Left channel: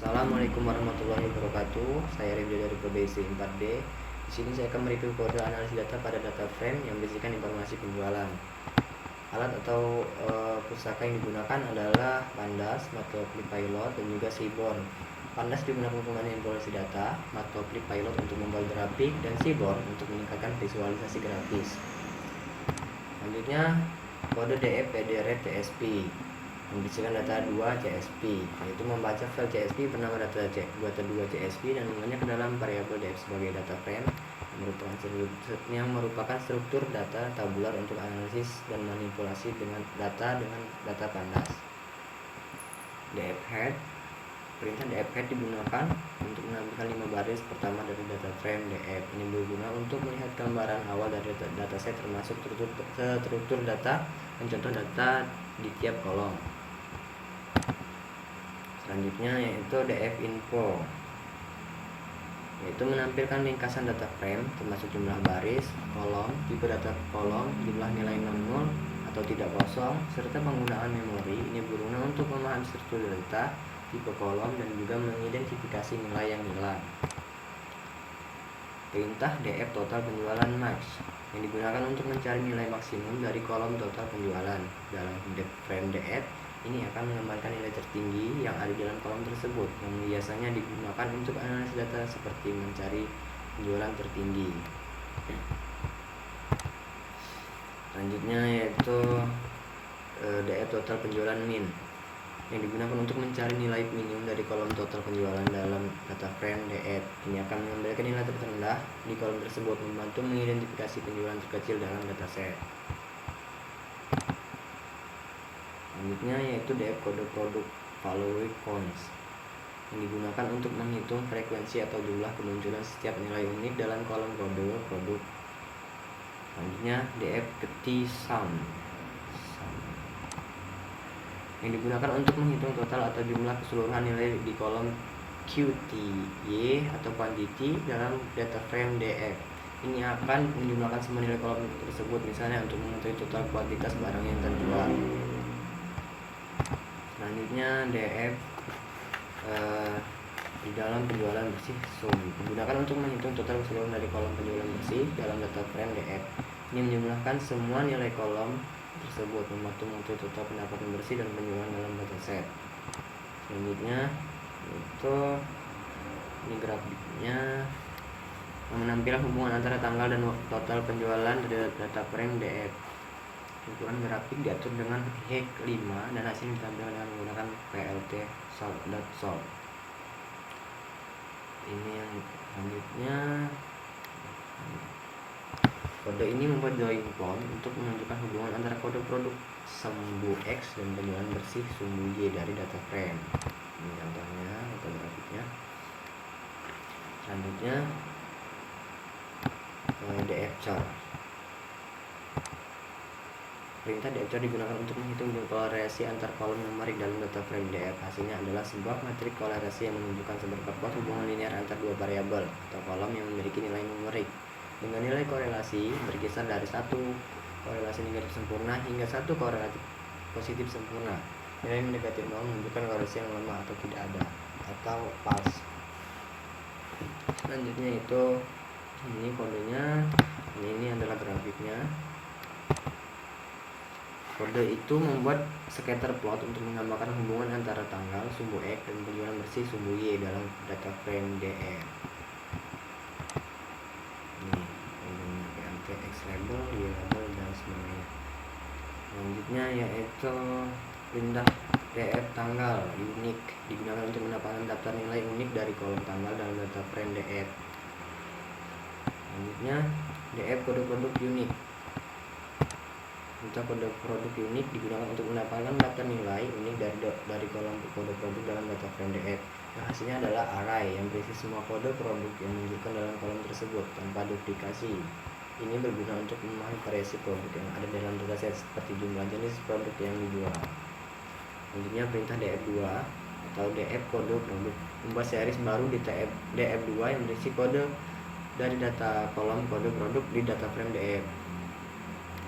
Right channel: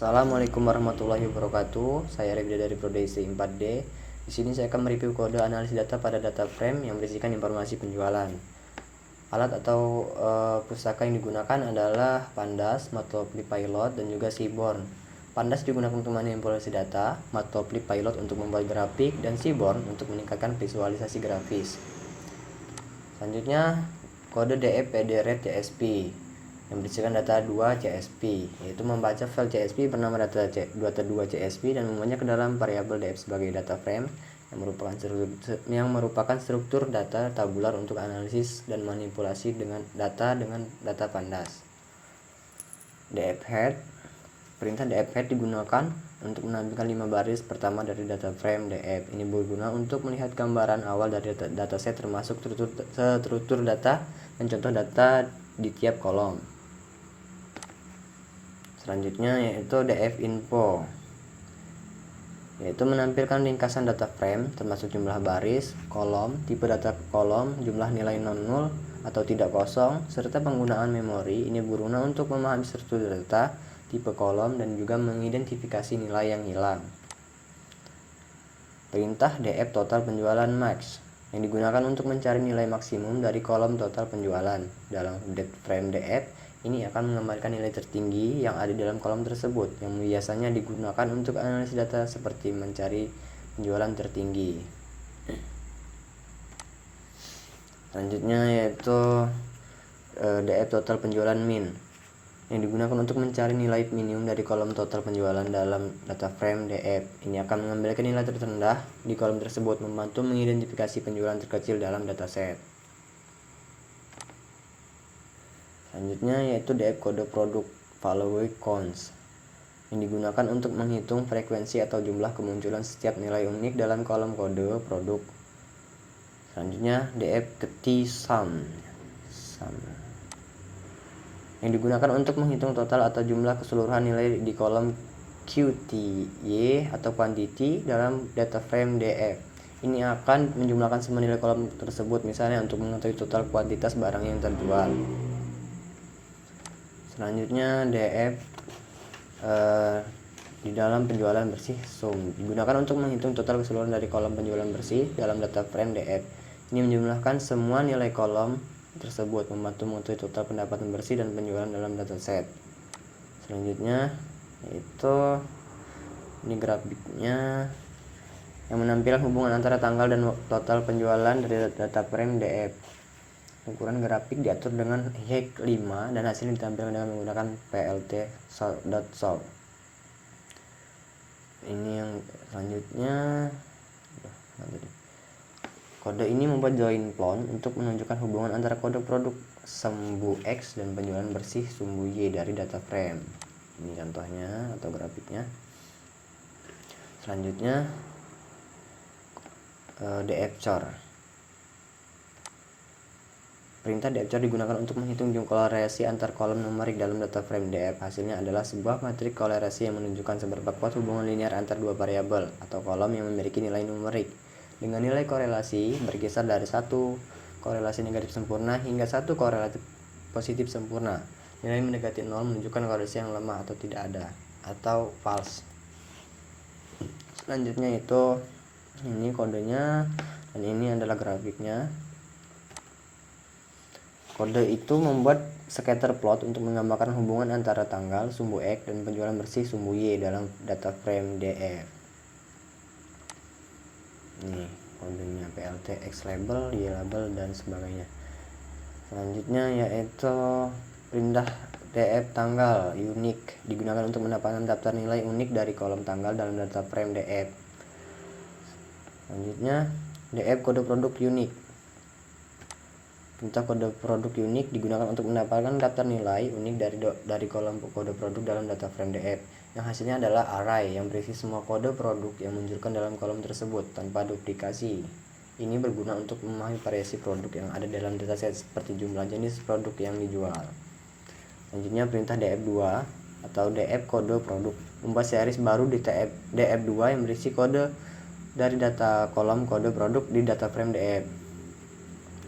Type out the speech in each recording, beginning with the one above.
Assalamualaikum warahmatullahi wabarakatuh. Saya Rebda dari Prodi 4D. Di sini saya akan mereview kode analisis data pada data frame yang berisikan informasi penjualan. Alat atau pustaka yang digunakan adalah Pandas, Matplotlib Pilot, dan juga Seaborn. Pandas digunakan untuk manipulasi data, Matplotlib Pilot untuk membuat grafik, dan Seaborn untuk meningkatkan visualisasi grafis. Selanjutnya kode DF CSP yang berisikan data 2 CSP, yaitu membaca file CSP bernama data 2 CSP dan membuatnya ke dalam variabel DF sebagai data frame yang merupakan struktur data tabular untuk analisis dan manipulasi dengan data Pandas. DF head, perintah DF head digunakan untuk menampilkan 5 baris pertama dari data frame DF. Ini berguna untuk melihat gambaran awal dari dataset termasuk struktur data dan contoh data di tiap kolom. Selanjutnya yaitu DF info, yaitu menampilkan ringkasan data frame termasuk jumlah baris, kolom, tipe data kolom, jumlah nilai non-nul atau tidak kosong, serta penggunaan memori. Ini berguna untuk memahami struktur data, tipe kolom, dan juga mengidentifikasi nilai yang hilang. Perintah DF total penjualan max yang digunakan untuk mencari nilai maksimum dari kolom total penjualan. Dalam frame DF ini akan menggambarkan nilai tertinggi yang ada di dalam kolom tersebut, yang biasanya digunakan untuk analisis data seperti mencari penjualan tertinggi. Selanjutnya yaitu DF total penjualan min yang digunakan untuk mencari nilai minimum dari kolom total penjualan dalam data frame DF. Ini akan mengambilkan nilai terendah di kolom tersebut, membantu mengidentifikasi penjualan terkecil dalam dataset. Selanjutnya yaitu DF kode produk value counts yang digunakan untuk menghitung frekuensi atau jumlah kemunculan setiap nilai unik dalam kolom kode produk. Selanjutnya DF key sum yang digunakan untuk menghitung total atau jumlah keseluruhan nilai di kolom QTY atau quantity dalam data frame DF. Ini akan menjumlahkan semua nilai kolom tersebut, misalnya untuk mengetahui total kuantitas barang yang terjual. Selanjutnya DF di dalam penjualan bersih sum digunakan untuk menghitung total keseluruhan dari kolom penjualan bersih dalam data frame DF. Ini menjumlahkan semua nilai kolom tersebut, membantu mengetahui total pendapatan bersih dan penjualan dalam dataset. Selanjutnya itu ini grafiknya yang menampilkan hubungan antara tanggal dan total penjualan dari data frame DF. Ukuran grafik diatur dengan HEC 5 dan hasilnya ditampilkan dengan menggunakan plt.sol. Ini yang selanjutnya, kode ini membuat join plot untuk menunjukkan hubungan antara kode produk sumbu X dan penjualan bersih sumbu Y dari data frame. Ini contohnya atau grafiknya. Selanjutnya DF char. Perintah DF char digunakan untuk menghitung kolerasi antar kolom numerik dalam data frame DF. Hasilnya adalah sebuah matrik kolerasi yang menunjukkan seberapa kuat hubungan linear antar dua variabel atau kolom yang memiliki nilai numerik, dengan nilai korelasi berkisar dari 1 korelasi negatif sempurna hingga 1 korelasi positif sempurna. Nilai mendekati 0 menunjukkan korelasi yang lemah atau tidak ada atau false. Selanjutnya itu ini kodenya dan ini adalah grafiknya. Kode itu membuat scatter plot untuk menggambarkan hubungan antara tanggal sumbu X dan penjualan bersih sumbu Y dalam data frame DF. Ini kodenya PLT, X label, Y label, dan sebagainya. Selanjutnya yaitu perintah DF tanggal unik digunakan untuk mendapatkan daftar nilai unik dari kolom tanggal dalam data frame DF. Selanjutnya DF kode produk unik. Perintah kode produk unik digunakan untuk mendapatkan daftar nilai unik dari kolom kode produk dalam data frame DF. Yang hasilnya adalah array yang berisi semua kode produk yang menunjukkan dalam kolom tersebut tanpa duplikasi. Ini berguna untuk memahami variasi produk yang ada dalam dataset seperti jumlah jenis produk yang dijual. Selanjutnya perintah DF2 atau DF kode produk membuat series baru di DF2 yang berisi kode dari data kolom kode produk di data frame DF.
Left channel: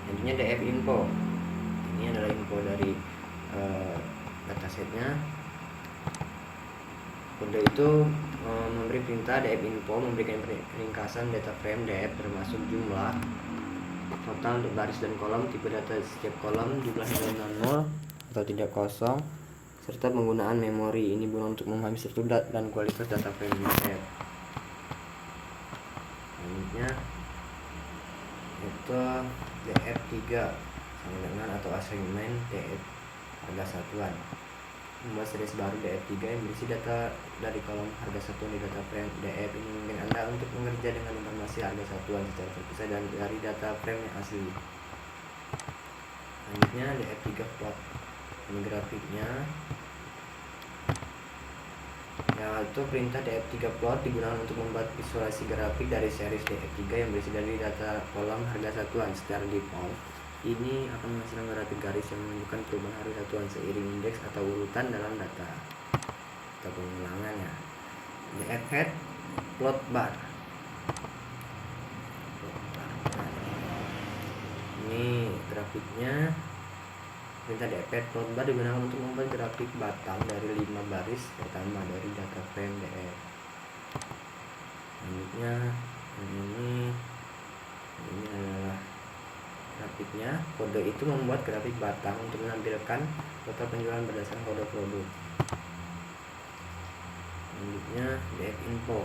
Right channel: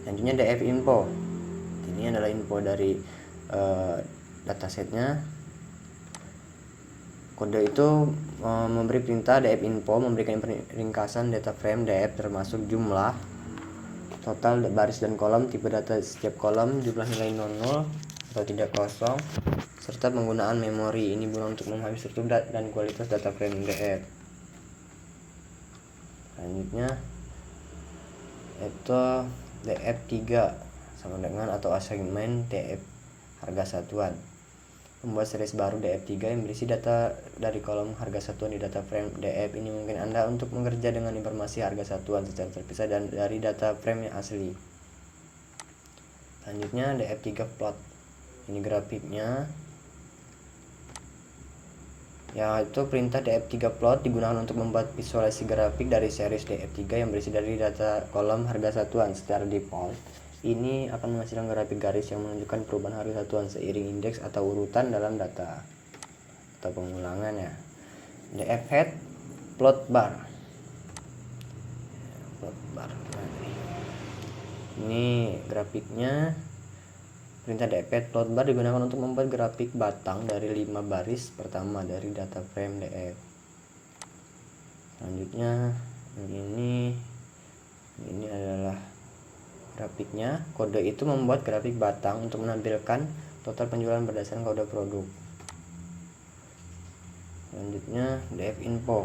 Selanjutnya DF info. Ini adalah info dari datasetnya. Kode itu memberi perintah df info, memberikan ringkasan data frame df termasuk jumlah, total baris dan kolom, tipe data setiap kolom, jumlah nilai 00 atau tidak kosong, serta penggunaan memori. Ini guna untuk memahami struktur dan kualitas data frame df. Selanjutnya itu df3 sama dengan atau assignment df harga satuan. Membuat series baru df3 yang berisi data dari kolom harga satuan di data frame df. Ini mungkin Anda untuk bekerja dengan informasi harga satuan secara terpisah dan dari data frame yang asli. Selanjutnya df3 plot. Ini grafiknya, yaitu perintah df3 plot digunakan untuk membuat visualisasi grafik dari series df3 yang berisi dari data kolom harga satuan. Secara default, ini akan menghasilkan grafik garis yang menunjukkan perubahan harga satuan seiring indeks atau urutan dalam data atau pengulangan ya. Df head plot bar. Ini grafiknya. Perintah df head plot bar digunakan untuk membuat grafik batang dari 5 baris pertama dari data frame df. Selanjutnya ini adalah grafiknya. Kode itu membuat grafik batang untuk menampilkan total penjualan berdasarkan kode produk. Selanjutnya df info.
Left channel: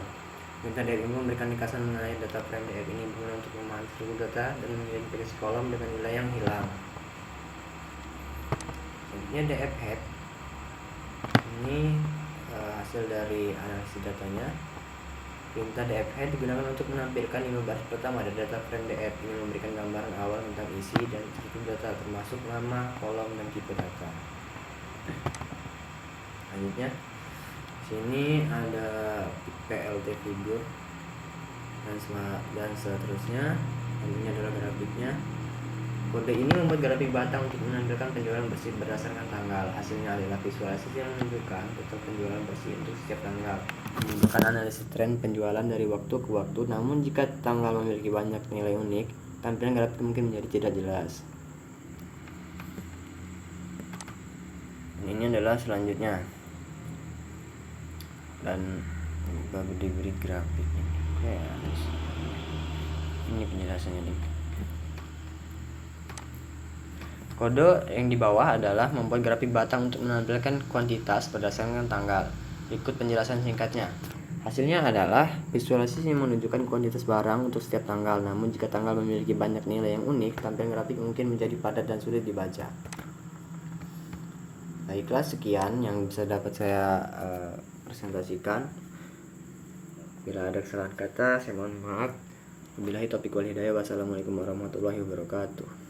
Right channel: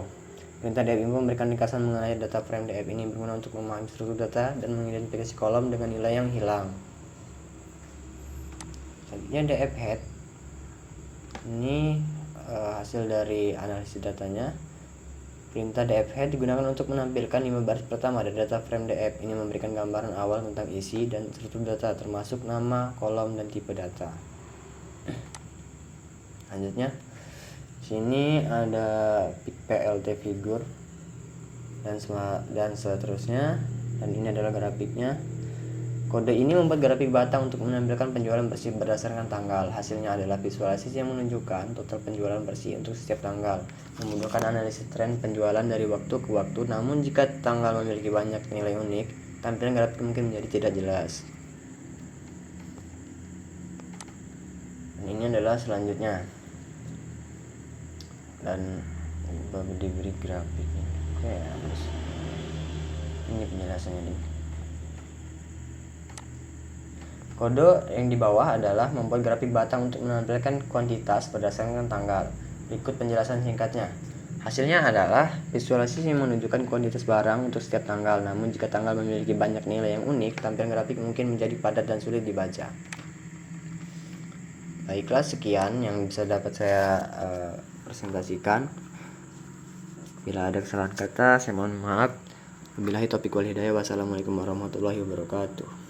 Perintah df info memberikan ringkasan mengenai data frame df. Ini guna untuk memahami struktur data dan mengidentifikasi kolom dengan nilai yang hilang. Selanjutnya df head. Ini hasil dari analisis datanya. Perintah df head digunakan untuk menampilkan 5 baris pertama dari data frame df. Ini memberikan gambaran awal tentang isi dan struktur data termasuk nama, kolom, dan tipe data. Selanjutnya sini ada plt figure dan seterusnya, dan ini adalah grafiknya. Kode ini membuat grafik batang untuk menampilkan penjualan bersih berdasarkan tanggal. Hasilnya adalah visualisasi yang menunjukkan total penjualan bersih untuk setiap tanggal, memudahkan analisis tren penjualan dari waktu ke waktu. Namun jika tanggal memiliki banyak nilai unik, tampilan grafik mungkin menjadi tidak jelas. Dan ini adalah selanjutnya, dan baru diberi grafik. Oke, ini penjelasannya nih. Kode yang di bawah adalah membuat grafik batang untuk menampilkan kuantitas berdasarkan tanggal. Berikut penjelasan singkatnya. Hasilnya adalah visualisasi yang menunjukkan kuantitas barang untuk setiap tanggal. Namun jika tanggal memiliki banyak nilai yang unik, tampilan grafik mungkin menjadi padat dan sulit dibaca. Baiklah, sekian yang bisa dapat saya presentasikan. Bila ada kesalahan kata, saya mohon maaf. Wabillahi taufiq wal hidayah. Wassalamualaikum warahmatullahi wabarakatuh.